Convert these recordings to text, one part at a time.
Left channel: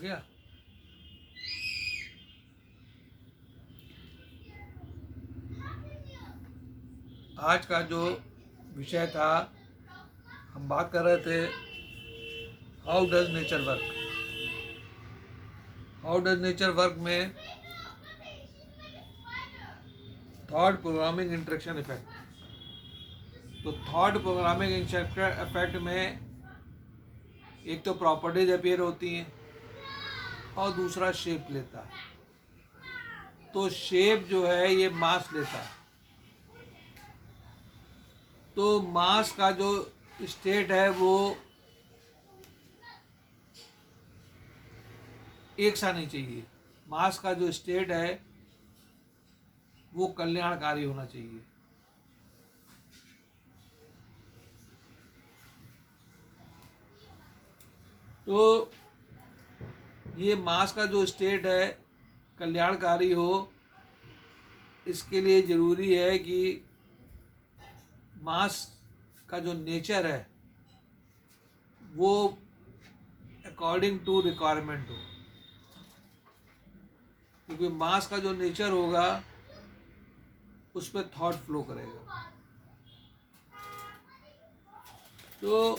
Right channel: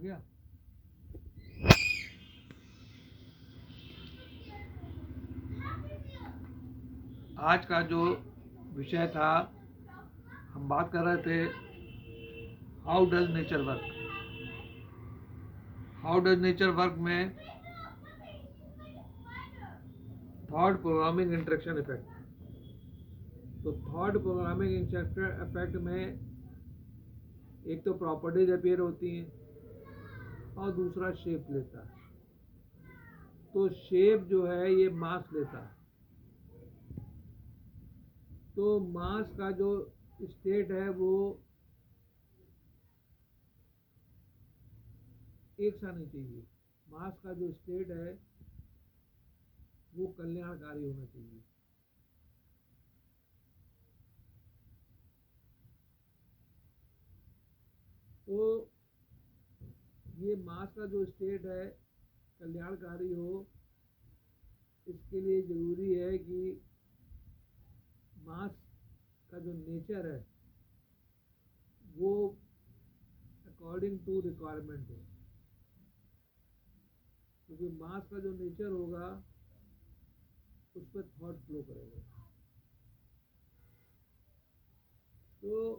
गया। आज का जो विषय था, हम बात कर रहे थे how does nature work. How does nature work में थॉट प्रोग्रामिंग इंटरेक्शन इफेक्ट। तो थॉट प्रोग्रामिंग इंटरेक्शन इफेक्ट में एक तो प्रॉपर्टीज अपीयर होती हैं और दूसरा शेप लेता है। तो शेप जो है ये मास लेता है। तो मास का जो स्टेट है वो एक सा नहीं चाहिए। मास का जो स्टेट है वो कल्याणकारी होना चाहिए। तो ये मास का जो स्टेट है कल्याणकारी हो, इसके लिए ज़रूरी है कि मास का जो नेचर है वो अकॉर्डिंग टू रिक्वायरमेंट हो। क्योंकि मास का जो नेचर होगा उस पर थॉट फ्लो करेगा। तो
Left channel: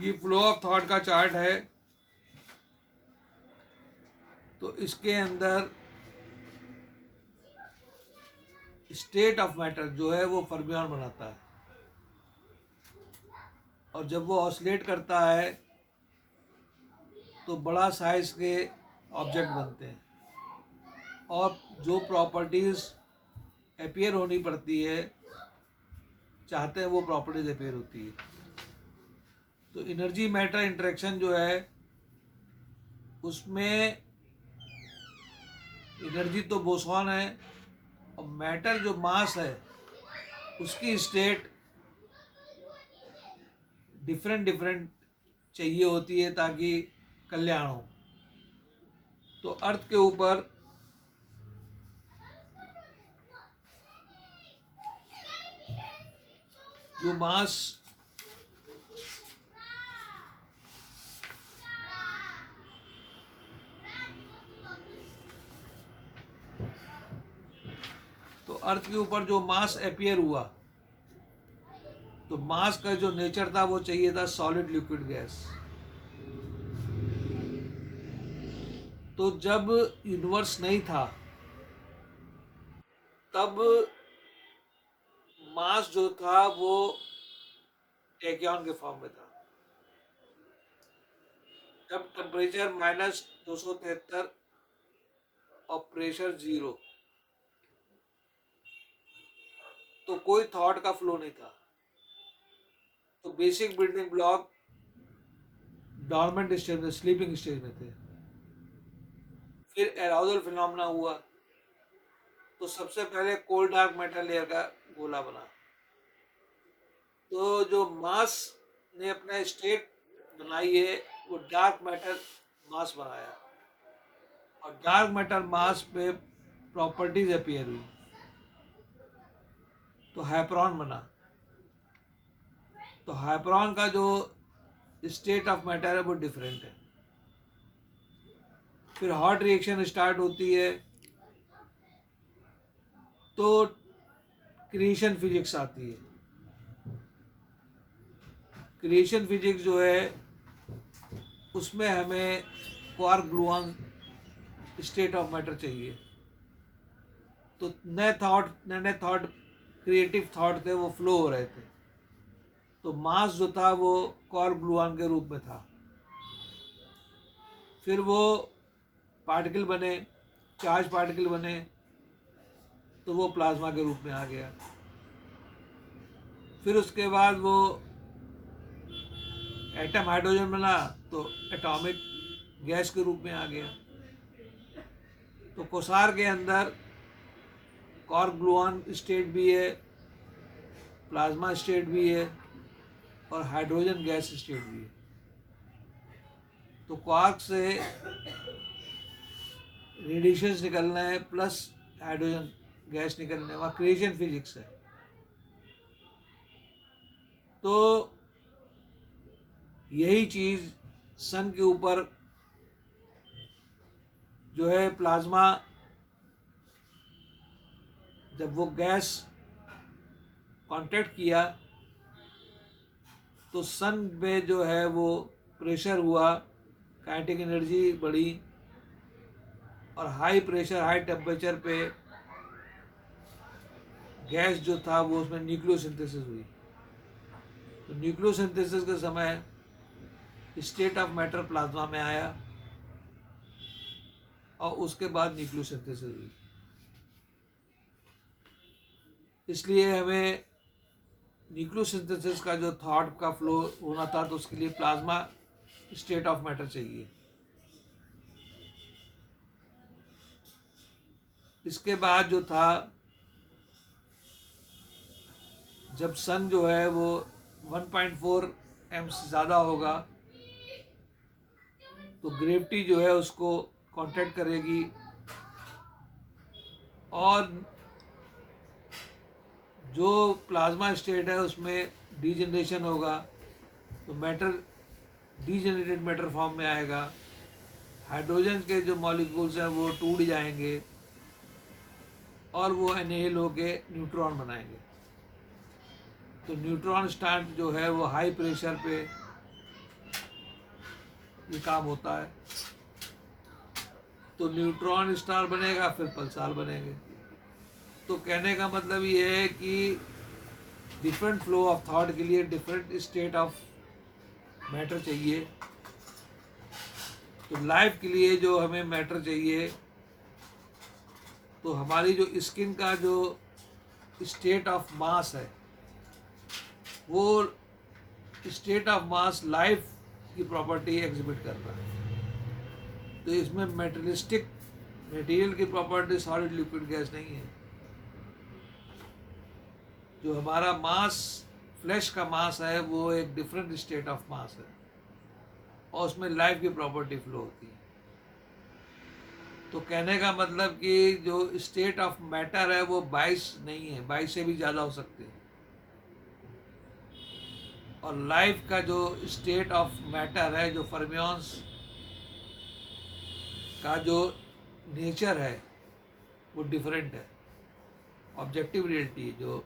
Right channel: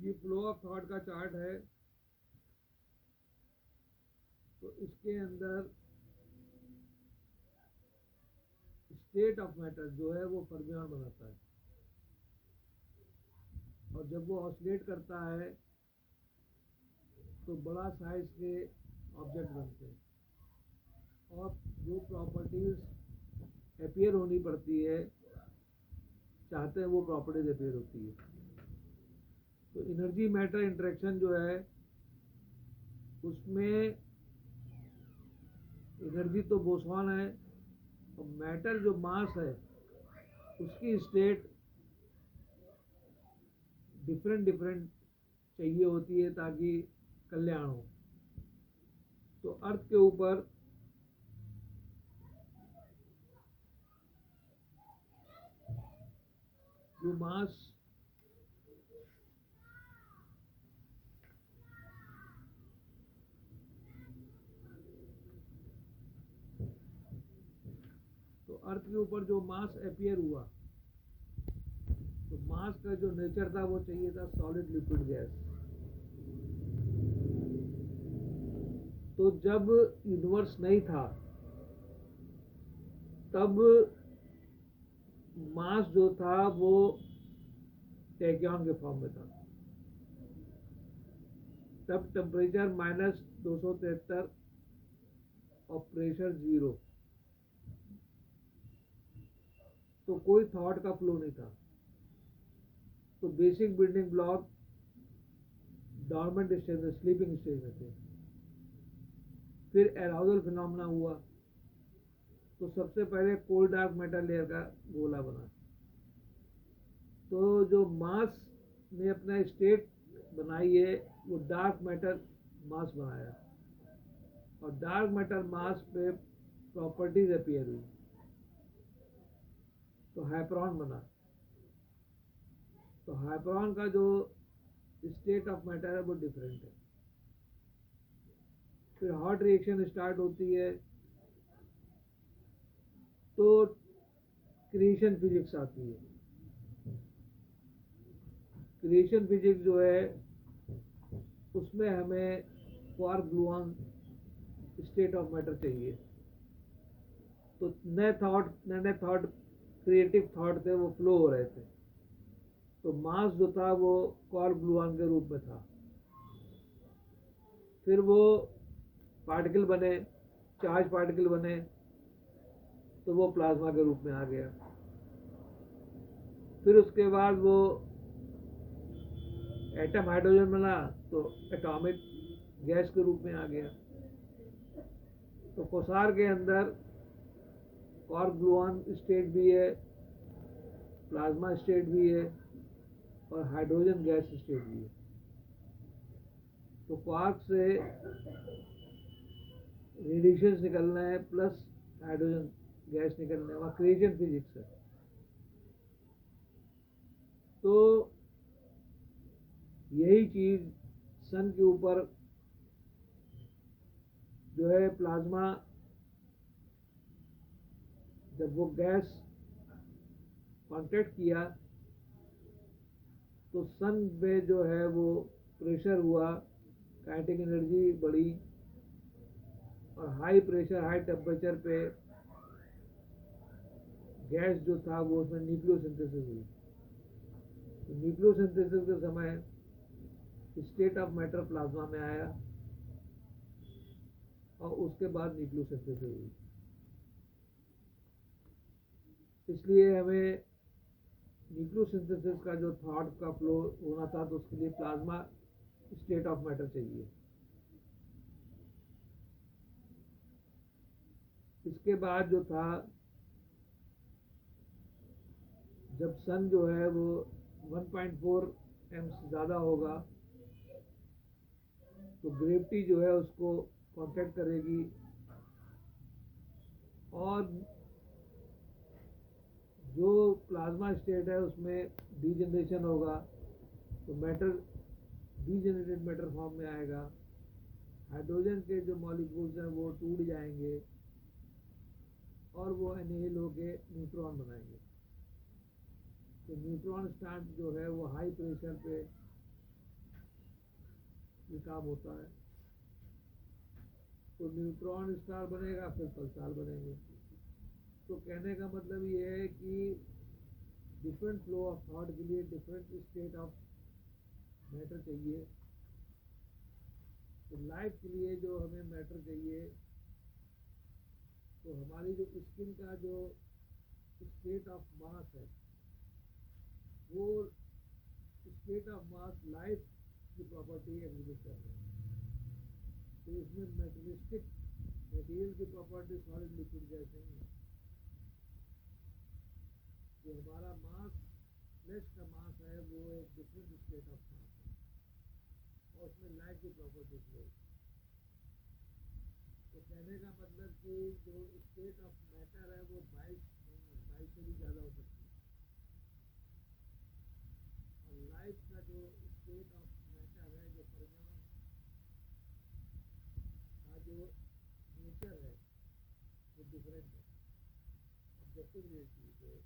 ये फ्लो ऑफ थॉट का चार्ट है। तो इसके अंदर स्टेट ऑफ मैटर जो है वो फर्मियन बनाता है, और जब वो ऑसिलेट करता है तो बड़ा साइज के ऑब्जेक्ट बनते हैं, और जो प्रॉपर्टीज़ अपीयर होनी पड़ती है चाहते हैं वो प्रॉपर्टीज अपीयर होती है। तो एनर्जी मैटर इंटरेक्शन जो है उसमें एनर्जी तो बोसॉन है, और मैटर जो मास है उसकी स्टेट डिफरेंट डिफरेंट चाहिए होती है ताकि कल्याण हो। तो अर्थ के ऊपर जो मास तो अर्थ के ऊपर जो मास अपीयर हुआ, तो मास का जो नेचर था वो चाहिए था सॉलिड लिक्विड गैस। तो जब यूनिवर्स नहीं था तब मास जो था वो टैक्यॉन के फॉर्म में था। तब टेम्परेचर -273 और प्रेशर 0, तो कोई थॉट का फ्लो नहीं था। तो basic building block dormant stage में, स्लीपिंग स्टेज में थे। फिर एराउजल फिनोमेना हुआ, तो सबसे पहले कोल्ड डार्क मैटर लेयर का गोला बना। तो जो मास ने अपना स्टेट बनाई है वो डार्क मैटर मास बनाया, और डार्क मैटर मास पे प्रॉपर्टीज अपीयर हुई, तो हाइप्रॉन बना। तो हाइप्रॉन का जो स्टेट ऑफ मैटर है वो डिफरेंट है। फिर हॉट रिएक्शन स्टार्ट होती है, तो क्रिएशन फिजिक्स आती है। क्रिएशन फिजिक्स जो है उसमें हमें quark gluon state of matter चाहिए। तो नए थॉट क्रिएटिव थॉट थे वो फ्लो हो रहे थे। तो मास जो था वो क्वार्क ग्लूऑन के रूप में था। फिर वो पार्टिकल बने, चार्ज पार्टिकल बने, तो वो प्लाज्मा के रूप में आ गया। फिर उसके बाद वो एटम हाइड्रोजन बना तो एटॉमिक गैस के रूप में आ गया। तो कोसार के अंदर क्वार्क ग्लूऑन स्टेट भी है, प्लाज्मा स्टेट भी है, और हाइड्रोजन गैस स्टेट भी है। तो क्वार्क से रेडिएशंस निकलना है प्लस हाइड्रोजन गैस निकलना है, वहाँ क्रिएशन फिजिक्स है। तो यही चीज़ सन के ऊपर जो है प्लाज्मा, जब वो गैस कांटेक्ट किया तो सन में जो है वो प्रेशर हुआ, काइनेटिक एनर्जी बढ़ी, और हाई प्रेशर हाई टेम्परेचर पे गैस जो था वो उसमें न्यूक्लियोसिंथेसिस हुई। तो न्यूक्लियोसिंथेसिस के समय स्टेट ऑफ मैटर प्लाज्मा में आया और उसके बाद न्यूक्लियोसिंथेसिस हुई। इसलिए हमें न्यूक्लियोसिंथेसिस का जो थॉट का फ्लो होना था तो उसके लिए प्लाज्मा स्टेट ऑफ मैटर चाहिए। इसके बाद जो था, जब सन जो है वो 1.4 एम से ज़्यादा होगा तो ग्रेविटी जो है उसको कांटेक्ट करेगी और जो प्लाज्मा स्टेट है उसमें डीजनरेशन होगा, तो मैटर डीजनरेटेड मैटर फॉर्म में आएगा। हाइड्रोजन के जो मॉलिक्यूल्स हैं वो टूट जाएंगे और वो एनहेल होके न्यूट्रॉन बनाएंगे। तो न्यूट्रॉन स्टार जो है वो हाई प्रेशर पे ये काम होता है। तो न्यूट्रॉन स्टार बनेगा, फिर पल्सार बनेंगे। तो कहने का मतलब ये है कि डिफरेंट फ्लो ऑफ थॉट के लिए डिफरेंट स्टेट ऑफ मैटर चाहिए। तो लाइफ के लिए जो हमें मैटर चाहिए, तो हमारी जो स्किन का जो स्टेट ऑफ मास है वो स्टेट ऑफ मास लाइफ की प्रॉपर्टी एग्जिबिट कर रहा है। तो इसमें मेटेरियलिस्टिक मटेरियल की प्रॉपर्टी सॉलिड लिक्विड गैस नहीं है। जो हमारा मास फ्लैश का मास है वो एक डिफरेंट स्टेट ऑफ मास है और उसमें लाइफ की प्रॉपर्टी फ्लो होती है। तो कहने का मतलब कि जो स्टेट ऑफ मैटर है वो 22 नहीं है, 22 से भी ज़्यादा हो सकते हैं। और लाइफ का जो स्टेट ऑफ मैटर है, जो फर्मियंस का जो नेचर है वो डिफरेंट है। ऑब्जेक्टिव रियलिटी जो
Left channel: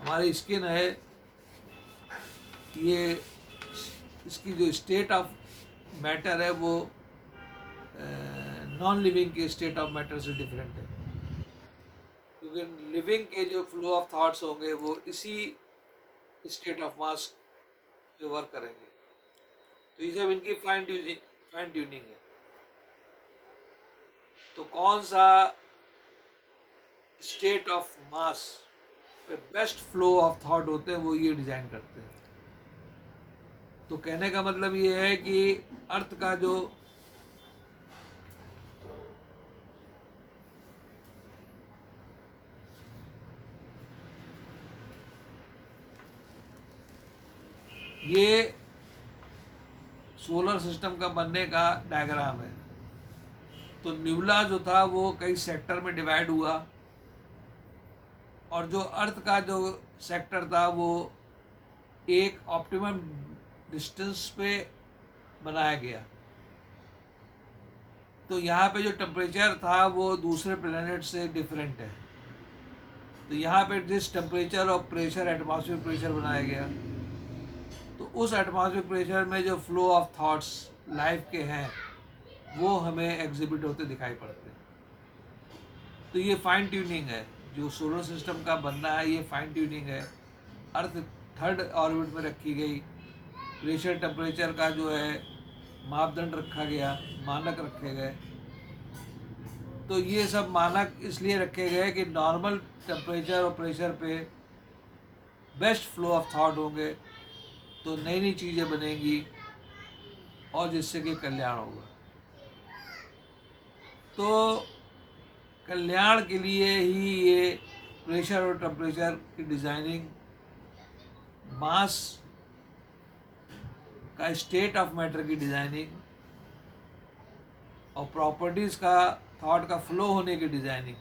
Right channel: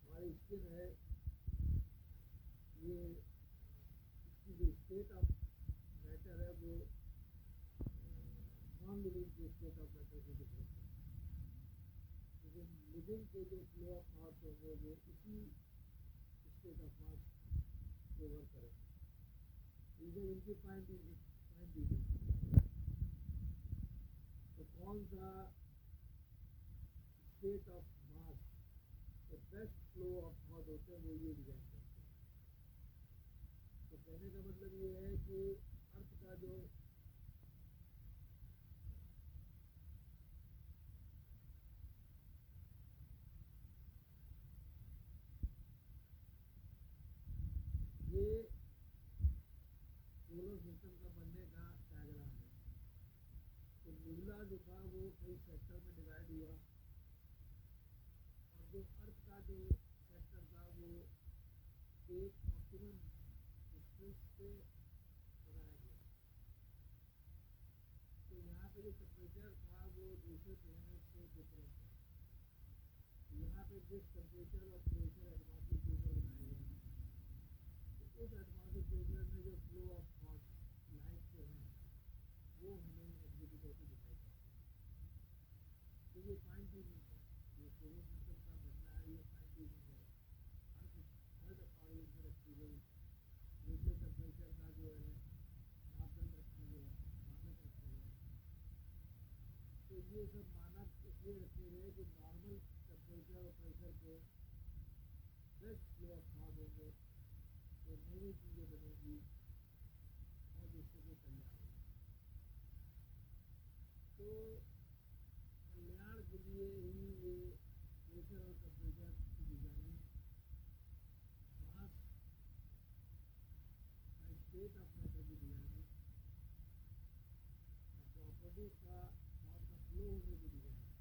हमारी स्किन है, ये इसकी जो स्टेट ऑफ मैटर है वो नॉन लिविंग के स्टेट ऑफ मैटर से डिफरेंट है। क्योंकि लिविंग के जो फ्लो ऑफ थॉट्स होंगे वो इसी स्टेट ऑफ मास पे वर्क करेंगे। तो ये सब इनकी फाइन ट्यूनिंग है। तो कौन सा स्टेट ऑफ मास पे बेस्ट फ्लो ऑफ थॉट होते हैं वो ये डिजाइन करते हैं। तो कहने का मतलब ये है कि अर्थ का जो ये सोलर सिस्टम का बनने का डायग्राम है। तो न्यूला जो था वो कई सेक्टर में डिवाइड हुआ और जो अर्थ का जो सेक्टर था वो एक ऑप्टिमम डिस्टेंस पे बनाया गया। तो यहाँ पे जो टेम्परेचर था वो दूसरे प्लेनेट से डिफरेंट है। तो यहाँ पे जिस टेम्परेचर और प्रेशर एटमॉस्फेयर प्रेशर बनाया गया, तो उस एटमॉस्फेयर प्रेशर में जो फ्लो ऑफ थॉट्स लाइफ के हैं वो हमें एग्जिबिट होते दिखाई पड़ते हैं। तो ये फाइन ट्यूनिंग है जो सोलर सिस्टम का बनना है, ये फाइन ट्यूनिंग है। अर्थ थर्ड ऑर्बिट में रखी गई, प्रेशर टेम्परेचर का जो है मापदंड रखा गया, मानक रखे गए। तो ये सब मानक इसलिए रखे गए कि नॉर्मल टेम्परेचर और प्रेशर पे बेस्ट फ्लो ऑफ थॉट होंगे तो नई नई चीज़ें बनेंगी और जिससे कि कल्याण होगा। तो कल्याण के लिए ही ये प्रेशर और टेम्परेचर की डिज़ाइनिंग, मास का स्टेट ऑफ मैटर की डिज़ाइनिंग और प्रॉपर्टीज़ का थॉट का फ्लो होने की डिज़ाइनिंग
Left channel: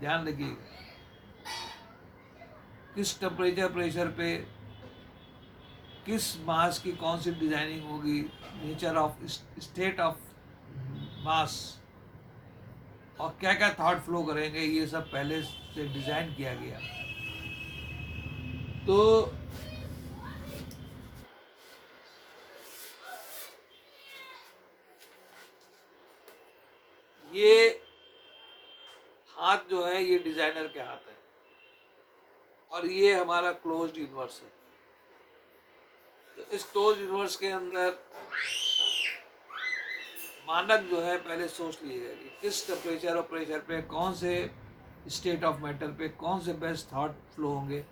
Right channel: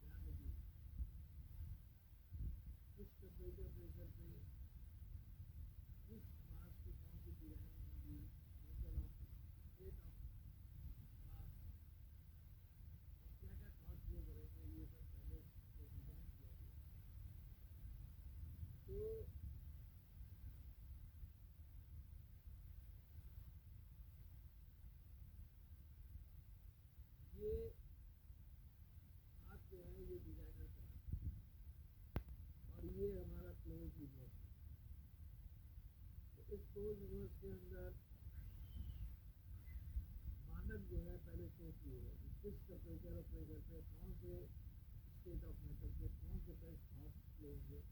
ध्यान रखिएगा। किस टेम्परेचर प्रेशर पे किस मास की कौन सी डिजाइनिंग होगी, nature of state of mass, और क्या क्या थॉट फ्लो करेंगे, ये सब पहले से डिजाइन किया गया। तो ये हाथ जो है ये डिजाइनर के हाथ है, और ये हमारा क्लोज्ड यूनिवर्स है। तो इस क्लोज्ड यूनिवर्स के अंदर मानक जो है पहले सोच लिए गए कि किस टेम्परेचर और प्रेशर पे कौन से स्टेट ऑफ मैटर पे कौन से बेस्ट थॉट फ्लो होंगे।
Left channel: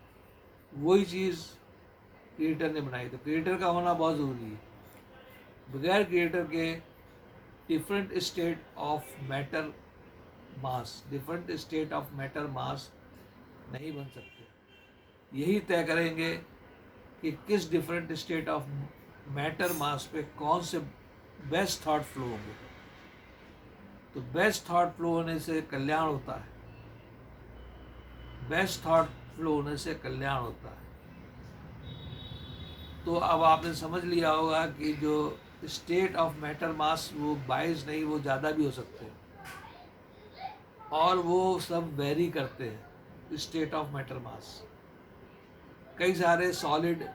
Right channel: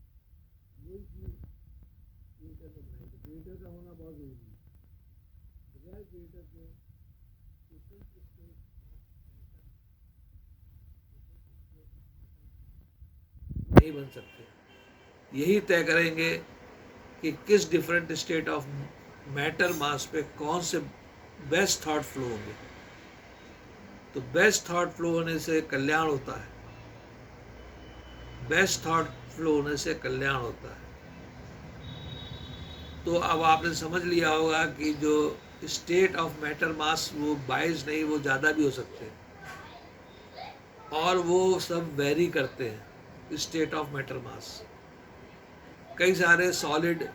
वही चीज़ क्रिएटर ने बनाई। तो क्रिएटर का होना बहुत ज़रूरी है। बगैर क्रिएटर के different state of matter mass, different state of matter mass नहीं बन सकते। यही तय करेंगे कि किस different state of matter mass पे कौन से बेस्ट थॉट फ्लो होंगे। तो बेस्ट थॉट फ्लो होने से कल्याण होता है, बेस्ट थॉट फ्लो होने से कल्याण होता है। तो अब आपने समझ लिया होगा कि जो स्टेट ऑफ मैटर मास वो 22 नहीं, वो ज़्यादा भी हो सकते हैं, और वो सब वेरी करते हैं स्टेट ऑफ मैटर मास। कई सारे सॉलिड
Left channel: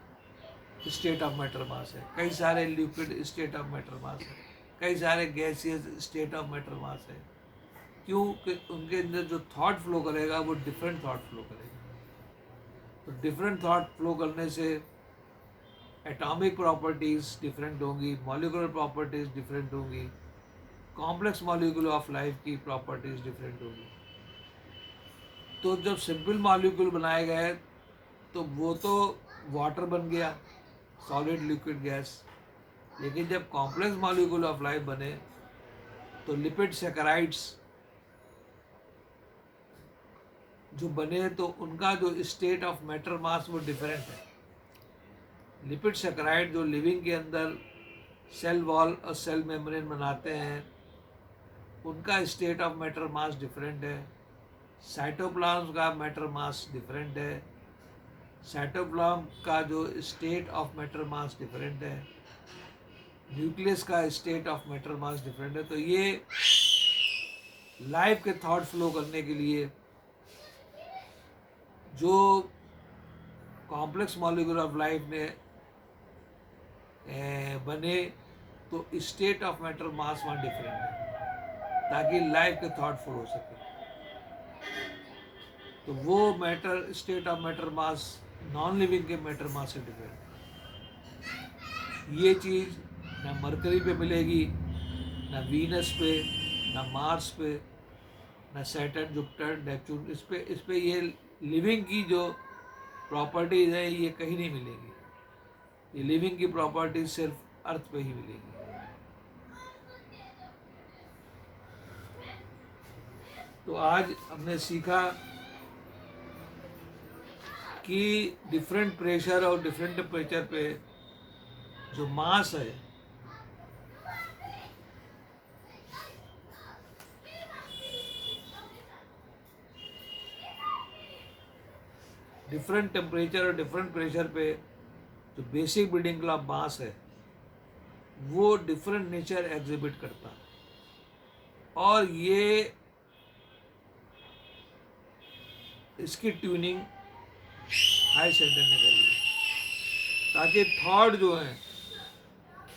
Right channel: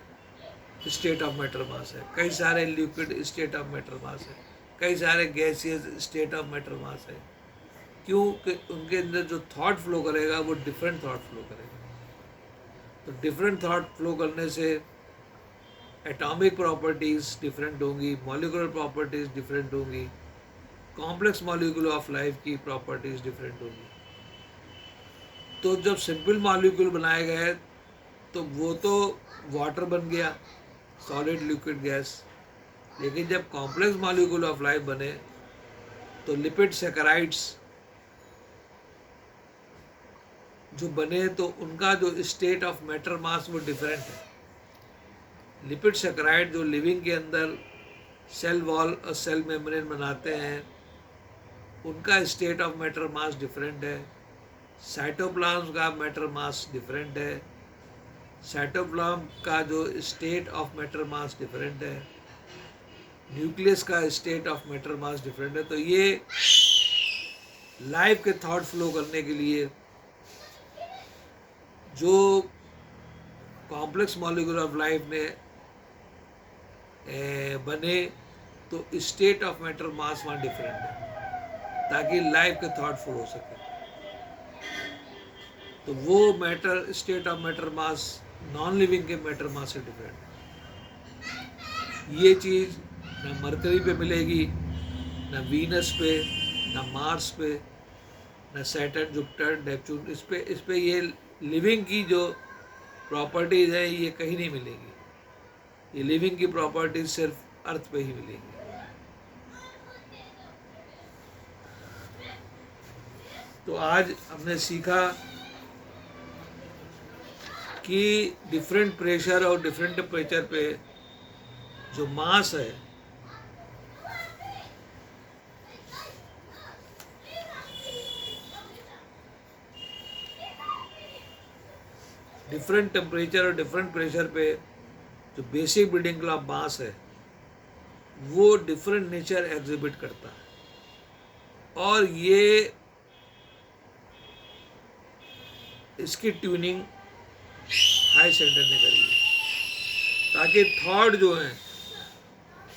स्टेट ऑफ मैटर मास है, कई सारे लिक्विड स्टेट ऑफ मैटर मास है, कई सारे गैसियस स्टेट ऑफ मैटर मास है। क्योंकि उनके अंदर जो थॉट फ्लो करेगा वो डिफरेंट थॉट फ्लो करेगा। तो डिफरेंट थॉट फ्लो करने से एटॉमिक प्रॉपर्टीज़ डिफरेंट होंगी, मॉलिक्यूलर प्रॉपर्टीज़ डिफरेंट होंगी, कॉम्प्लेक्स मॉलिक्यूल ऑफ लाइफ की प्रॉपर्टीज़ डिफरेंट होंगी। तो जब सिंपल मॉलिक्यूल बनाए गए तो वो तो वाटर बन गया, सॉलिड लिक्विड गैस। लेकिन जब कॉम्प्लेक्स मॉलिक्यूल ऑफ लाइफ बने तो लिपिड सैकराइड्स जो बने तो उनका जो स्टेट ऑफ मैटर मास वो डिफरेंट है। लिपिड सैकराइड जो लिविंग के अंदर सेल वॉल और सेल मेम्ब्रेन बनाते हैं, उनका state of matter mass different है। साइटोप्लाज्म का मैटर मास डिफरेंट है, साइटोप्लाज्म का जो state of matter mass different है, न्यूक्लियस का state of matter mass different है। तो ये लाइफ के थॉट फ्लो करने के लिए जो कॉम्प्लेक्स मॉलिक्यूल ऑफ लाइफ में बने तो स्टेट ऑफ मैटर मास वहाँ डिफरेंट है, ताकि लाइफ के थॉट फ्लो हो सके। तो वो matter state of matter mass non living के मैटर मास से डिफरेंट है। ये चीज़ ना मरकरी पे मिलेगी, ना वीनस पे, ना मार्स पे, ना सैटर्न जुपिटर नेपच्यून। इस पे ये लिविंग की जो प्रॉपर्टीज़ है ये कहीं नहीं मिलेगी। ये लिविंग की प्रॉपर्टीज सिर्फ अर्थ पे ही मिलेगी। तो आज हमने सीखा कि डिफरेंट प्रेशर और डिफरेंट टेम्परेचर पे जो मास है डिफरेंट टेम्परेचर और डिफरेंट प्रेशर पे जो बेसिक बिल्डिंग ब्लॉक मास है वो डिफरेंट नेचर एग्जिबिट करता है। और ये इसकी ट्यूनिंग हाई सेंटर ने करी है ताकि थॉट जो है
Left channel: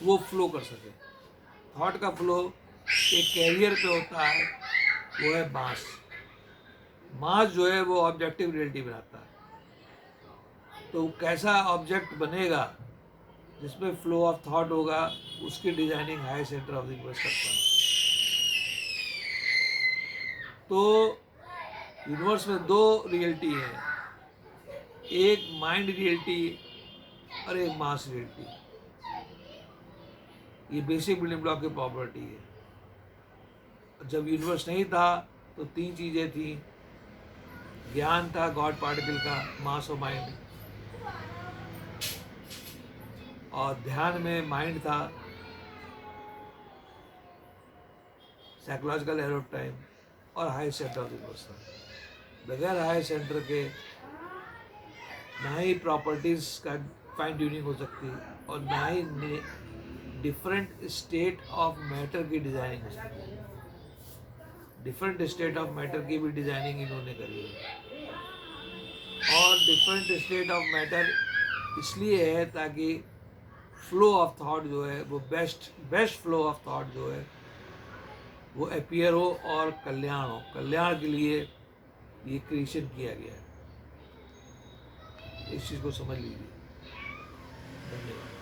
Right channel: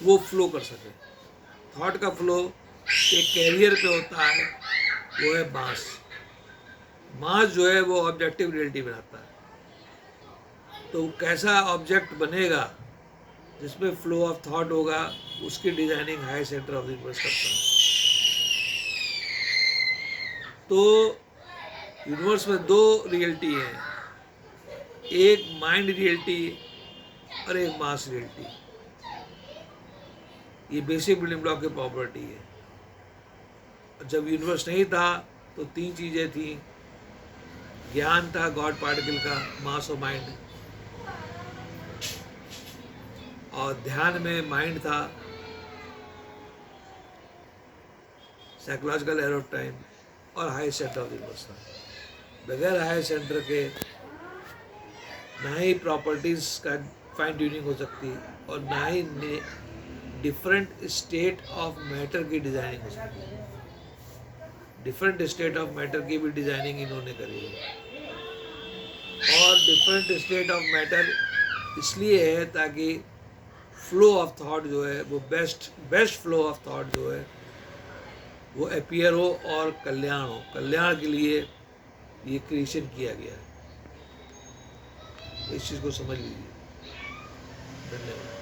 वो फ्लो कर सके। थॉट का फ्लो एक कैरियर पे होता है, वो है मास। मास जो है वो ऑब्जेक्टिव रियलिटी बनाता है। तो कैसा ऑब्जेक्ट बनेगा जिसमें फ्लो ऑफ थॉट होगा, उसकी designing high centre of the universe करता है। तो यूनिवर्स में दो रियलिटी है, एक माइंड रियलिटी और एक मास रियलिटी। ये बेसिक बिल्डिंग ब्लॉक की प्रॉपर्टी है। जब यूनिवर्स नहीं था तो तीन चीज़ें थी, ज्ञान था गॉड पार्टिकल का, मास और माइंड, और ध्यान में माइंड था, साइकोलॉजिकल एयर ऑफ टाइम, और high centre of the universe था। बगैर हाई सेंटर के ना ही प्रॉपर्टीज़ का फाइन ट्यूनिंग हो सकती और ना ही डिफरेंट स्टेट ऑफ मैटर की डिज़ाइनिंग हो सकती है। डिफरेंट स्टेट ऑफ मैटर की भी डिज़ाइनिंग इन्होंने करी है। और डिफरेंट स्टेट ऑफ मैटर इसलिए है ताकि फ्लो ऑफ थॉट जो है वो बेस्ट फ्लो ऑफ थॉट जो है वो अपीयर हो और कल्याण हो। कल्याण के लिए ये क्रिएशन किया गया है। इस चीज़ को समझ लीजिए। धन्यवाद।